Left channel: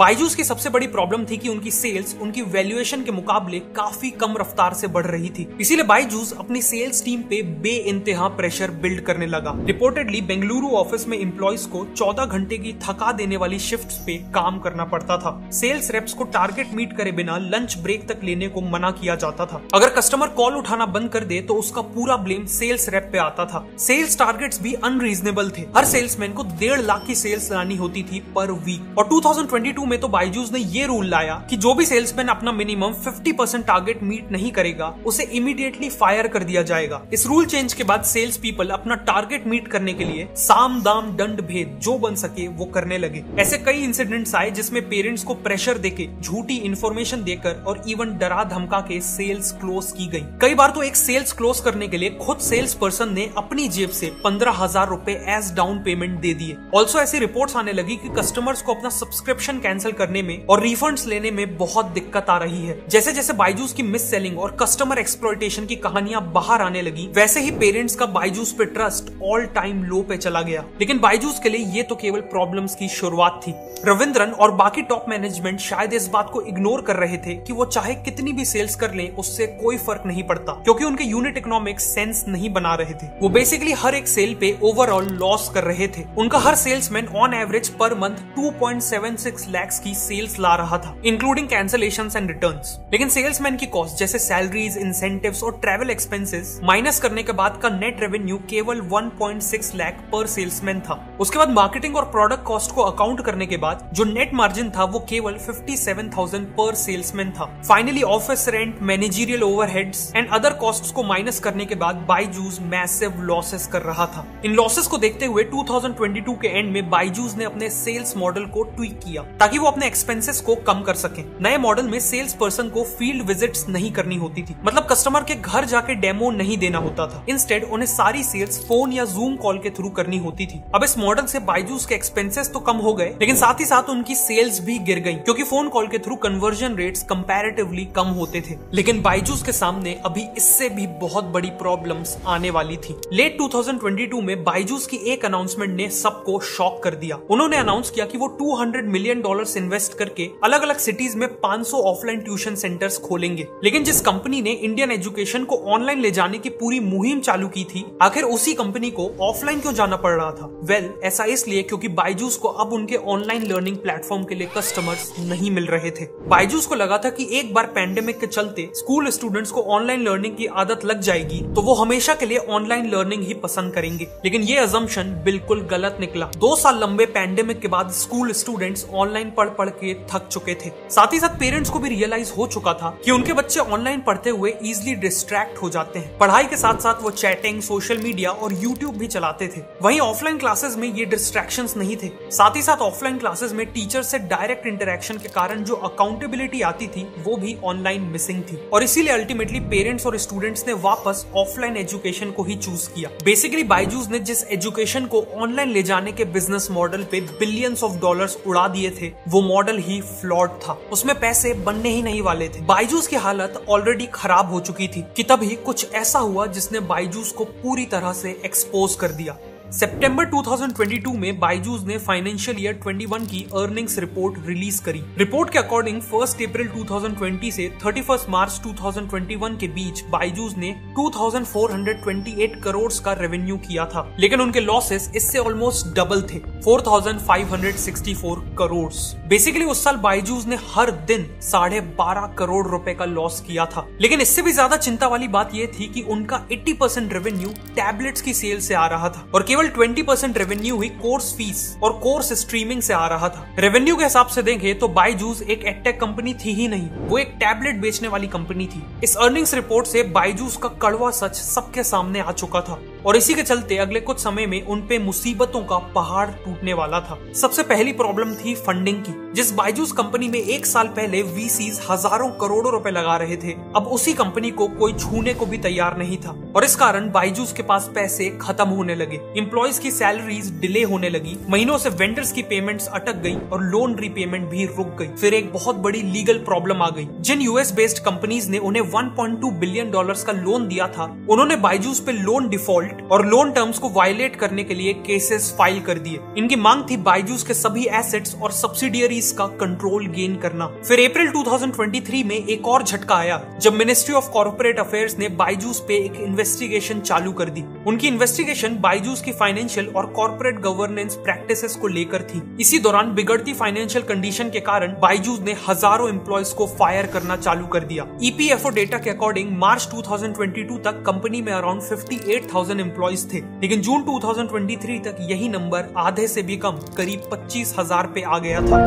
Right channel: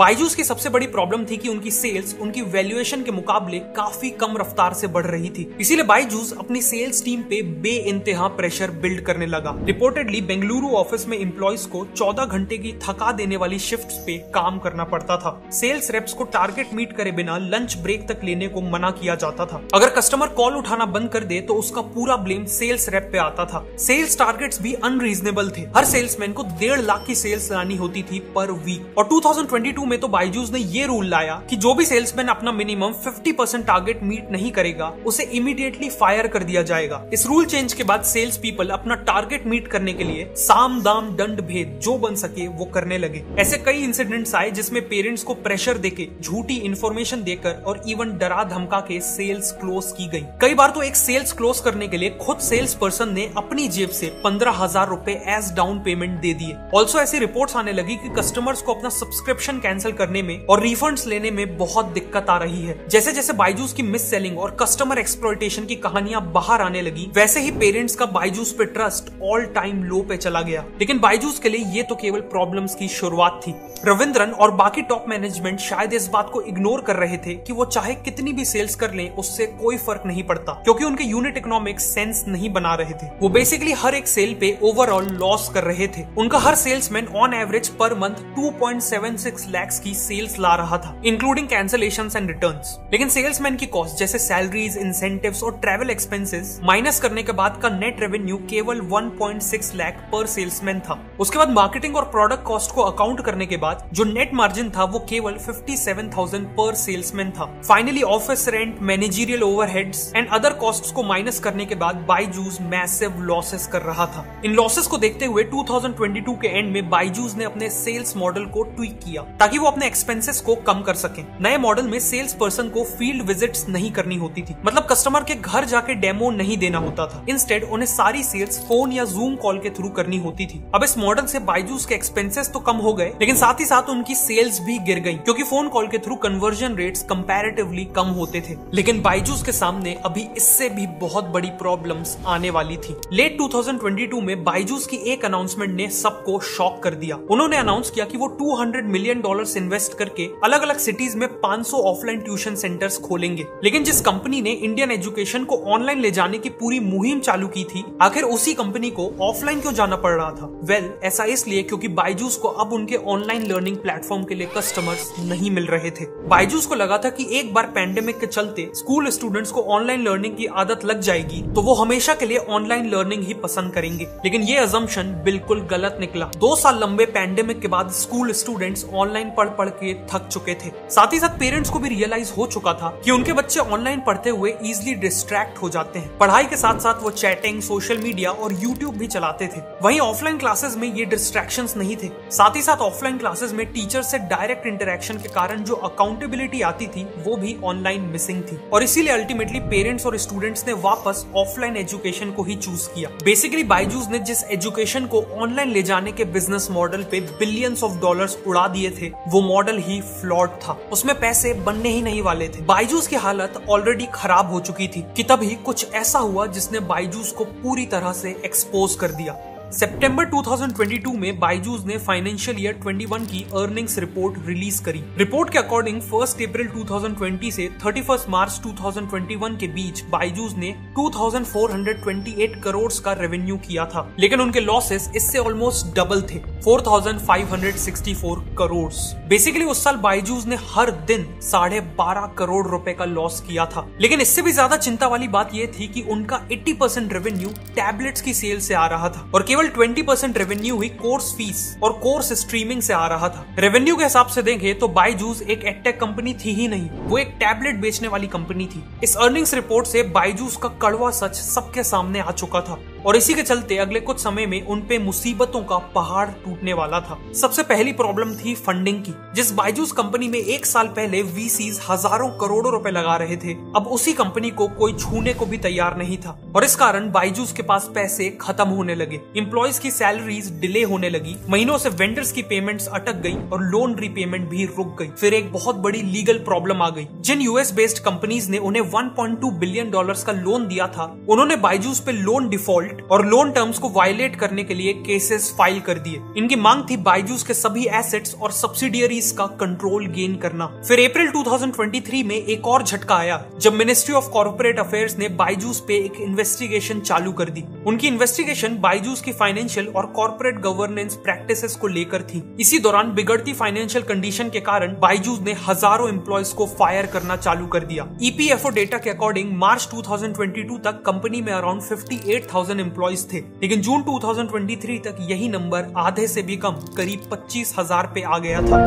बायजूस की सबसे बड़ी प्रॉब्लम थी कि उनकी सेल्स उनकी वैल्यूएशन के मुकाबले काफी कम रफ्तार से बढ़ रही थी। इसीलिए बायजूस अपनी सेल्स टीम पे बेइंतहा प्रेशर बिल्ड करने लगा। रिपोर्टेडली बेंगलुरु ऑफिस में एम्प्लॉइज को 14 घंटे की थका देने वाली शिफ्ट्स पे काम करना पड़ता था। सेल्स रेप्स को टारगेट मीट करे बिना लंच ब्रेक तक लेने को मना किया जाता था। अगर कस्टमर कॉल उठाना बंद कर दे तो उसका पूरा ब्लेम सेल्स रेप पे आता था। सेल्स टारगेट्स भी अनरीजनेबल थे। हर सेल्समैन को 1.5 लाख की सेल्स लानी होती थी पर वीक। और 2022 में तो बायजूस ने ये रूल लाया कि जो भी सेल्समैन अपना मिनिमम 50% टारगेट मीट नहीं करेगा उसे इमीडिएटली फायर कर दिया जाएगा। इस रूल चेंज के बाद सेल्स पीपल अपना टारगेट मीट करने के लिए साम दाम दंड भेद जो बन सके वो करने लगे। ऐसे कई इंसिडेंट्स आए जिसमें पेरेंट्स को प्रेशर देके, झूठी इंफॉर्मेशन देकर और इवन डरा धमका के सेल्स क्लोज की गई। कई बार तो एक सेल्स क्लोज करने के लिए खुद सेल्स पर्सन ने अपनी जेब से 15,000 रुपए एज डाउन पेमेंट दे दिए। ऑल्सो ऐसी रिपोर्ट्स आने लगी कि कस्टमर्स को अपना सब्सक्रिप्शन कैंसिल करने में और रिफंड्स लेने में बहुत दिक्कत आ रही है। जैसे जैसे बायजूस की मिस सेलिंग और कस्टमर एक्सप्लॉयटेशन की कहानियां बाहर आने लगी, वैसे ही पेरेंट्स का बायजूस पे ट्रस्ट ऑल टाइम लो पे चला गया। लेकिन बायजूस के लिए ये तो केवल प्रॉब्लम्स की शुरुआत थी। रविंद्रन और बाकी टॉप मैनेजमेंट शायद इस बात को इग्नोर कर रहे थे कि वो चाहे कितनी भी सेल्स कर लें उससे कोई फर्क नहीं पड़ता, क्योंकि उनके यूनिट इकोनॉमिक्स सेंस नहीं बना रहे थे। वो बेसिकली हर एक सेल पे ओवरऑल लॉस कर रहे थे। उनका हर salesman on average per month 2.76 lakh की सेल्स ला रहा था, इंक्लूडिंग कैंसलेशंस एंड रिटर्न्स। लेकिन सेल्समैन की कॉस्ट जैसे सैलरीज, इंसेंटिव्स और ट्रैवल एक्सपेंसेस माइनस करने के बाद का नेट रेवेन्यू केवल 1.6 लाख पर सेल्समैन था। उसके बाद मार्केटिंग और प्रोडक्ट कॉस्ट को अकाउंट करने के बाद जो नेट मार्जिन था वो केवल 57,000 पर सेल्समैन था। Finally office rent, managerial overheads and other costs को माइनस करने के बाद बायजूस मैसिव लॉसेस कर रहा था। इन लॉसेस को देखते हुए 2022 के एंड में बायजूस ने अपने सेल्स मॉडल को ट्वीक किया ताकि वो अपने एक्सपेंसेस को कम कर सके। नए मॉडल में सेल्स पर्सन को फील्ड विजिट्स नहीं करनी होती थी, मतलब कस्टमर के घर जाके डेमो नहीं देना होता था। इंस्टेड उन्हें सारी सेल्स फोन या जूम कॉल के थ्रू करनी होती थी। अब इस मॉडल से बायजूस के एक्सपेंसेस तो कम हो गए, लेकिन साथ ही साथ उनकी सेल्स भी गिर गई, क्योंकि फोन कॉल के थ्रू कन्वर्जन रेट्स कंपैरेटिवली कम होते थे। लेकिन बायजूस के सामने अभी इससे भी बहुत बड़ी प्रॉब्लम्स आने वाली थी। लेट 2022 में बायजूस की एक अनाउंसमेंट ने सबको शॉक कर दिया। उन्होंने अनाउंस किया कि वो $200 मिलियन इन्वेस्ट करके अलग अलग सिटीज में 500 ऑफलाइन ट्यूशन सेंटर्स खोलेंगे। लेकिन जिस कंपनी ने इंडियन एजुकेशन को ऑनलाइन ले जाने की पूरी मुहिम चालू की थी, आखिर उसी कंपनी को ऑफलाइन क्यों जाना पड़ रहा था? वेल, ऐसा इसलिए क्योंकि बायजूस को अब उनके ऑनलाइन लर्निंग प्लेटफॉर्म के लिए कस्टमर्स नहीं मिल रहे थे। बायजूस को लगा था कि एक बार पैंडेमिक के चलते स्कूल स्टूडेंट्स को ऑनलाइन लर्निंग की आदत लग जाएगी तो वो हमेशा के लिए ऑनलाइन लर्निंग ही पसंद करेंगे। लेकिन ये अजम्पशन बिल्कुल गलत निकला। 2 साल लंबे पैंडेमिक के बाद स्कूल स्टूडेंट्स ऑनलाइन पढ़ के थक चुके थे। साथ ही साथ पेरेंट्स को भी रियलाइज हो चुका था कि उनके बच्चे ऑनलाइन पढ़ते हुए इजीली डिस्ट्रैक्ट हो जाते हैं। पढ़ाई के साथ साथ वो चैटिंग, सोशल मीडिया और यूट्यूब भी चलाते थे। वहीं ऑफलाइन क्लासेस में ये डिस्ट्रैक्शंस नहीं थे। साथ ही साथ ऑफलाइन क्लासेस में टीचर से डायरेक्ट इंटरेक्शन के कारण जो अकाउंटेबिलिटी आती थी वो भी ऑनलाइन मिसिंग थी। और इसीलिए अल्टीमेटली पेरेंट्स और स्टूडेंट्स ने वापस ऑफलाइन एजुकेशन को ही चूज किया। बेसिकली बायजूस ने जिस एजुकेशन को ऑनलाइन ले जाने के बिजनेस मॉडल पे बिलियंस ऑफ डॉलर्स उड़ा दिए थे, वो मॉडल ही फ्लॉड था। उसमें पैसे बनने ही नहीं वाले थे। बायजूस की हालत ऑलरेडी खराब हो चुकी थी कि तभी कुछ ऐसा हुआ जिसने बायजूस को पूरी तरह से एक्सपोज कर दिया। सितंबर 2022 में बायजूस ने फाइनेंशियल ईयर 21 की अर्निंग्स रिपोर्ट रिलीज करी। रिपोर्ट के अकॉर्डिंग 1 अप्रैल 2020 से 31 मार्च 2021 के बीच बायजूस ने 2428 करोड़ का रेवेन्यू किया था, लेकिन उनके लॉसेस इससे ऑलमोस्ट डबल थे, 4564 करोड़। बेसिकली उस साल बायजूस ने हर दिन 12.5 करोड़ रुपए का लॉस किया था। लेकिन इससे भी ज्यादा चिंता वाली बात यह थी कि उनका 80% रेवेन्यू टैबलेट्स की सेल से आ रहा था और केवल 20% रेवेन्यू ही कोर्स फीस और कोर्स स्ट्रीमिंग से आ रहा था। रेवेन्यू के हिसाब से देखें तो बायजूस एक एडटेक कंपनी थी ही नहीं, वो एक टैबलेट बेचने वाली कंपनी थी। इस अर्निंग्स रिपोर्ट से बायजूस का कड़वा सच सबके सामने आ चुका था और इसी के चलते अगले कुछ समय में उनपे मुसीबतों का पहाड़ टूटने वाला था। सबसे पहली प्रॉब्लम थी फंडिंग की। जिस बायजूस कंपनी में 1 साल पहले वीसीज हजारों करोड़ों रुपए लगा रहे थे, अब उसी कंपनी को कोई छूने को भी तैयार नहीं था। और इस कारण बायजूस के पास पैसे खत्म होने लगे। एम्प्लॉयज की सैलरीज डिले होने लगी, महीनों से वेंडर्स की पेमेंट्स अटक गई और लोन रीपेमेंट भी रुक गई। फिर एक बहुत बड़ी लीगल प्रॉब्लम आ गई। जिन यूएस बेस्ड कंपनीज ने उन्हें 1.2 बिलियन डॉलर्स का लोन दिया था, उन्होंने बायजूस पे लोन डिफॉल्ट और लोन टर्म्स को वायलेट करने के लिए केसेस फाइल कर दिए। इनकी मांग थी बायजूस के सभी एसेट्स और सब्सिडियरीज का कंट्रोल गेन करना। फिर अप्रैल 2023 में एक और झटका आया जब मिनिस्ट्री ऑफ कॉर्पोरेट अफेयर्स ने बायजूस पे एक इन्वेस्टिगेशन चालू कर दी। उनकी इन्वेस्टिगेशन बायजूस की फाइनेंशियल और कॉर्पोरेट गवर्नेंस प्रैक्टिसेस को लेकर थी। इसी दौरान बिगड़ती फाइनेंशियल कंडीशन के कारण बायजूस ने हजारों एम्प्लॉयज को फायर करना चालू कर दिया। ईपीएफओ डेटा के अकॉर्डिंग मार्च 2022 तक कंपनी में अराउंड 58,000 एम्प्लॉयज थे, लेकिन जून 2023 तक यही नंबर आधे से भी कम, करीब 25,000 पे आ गया था।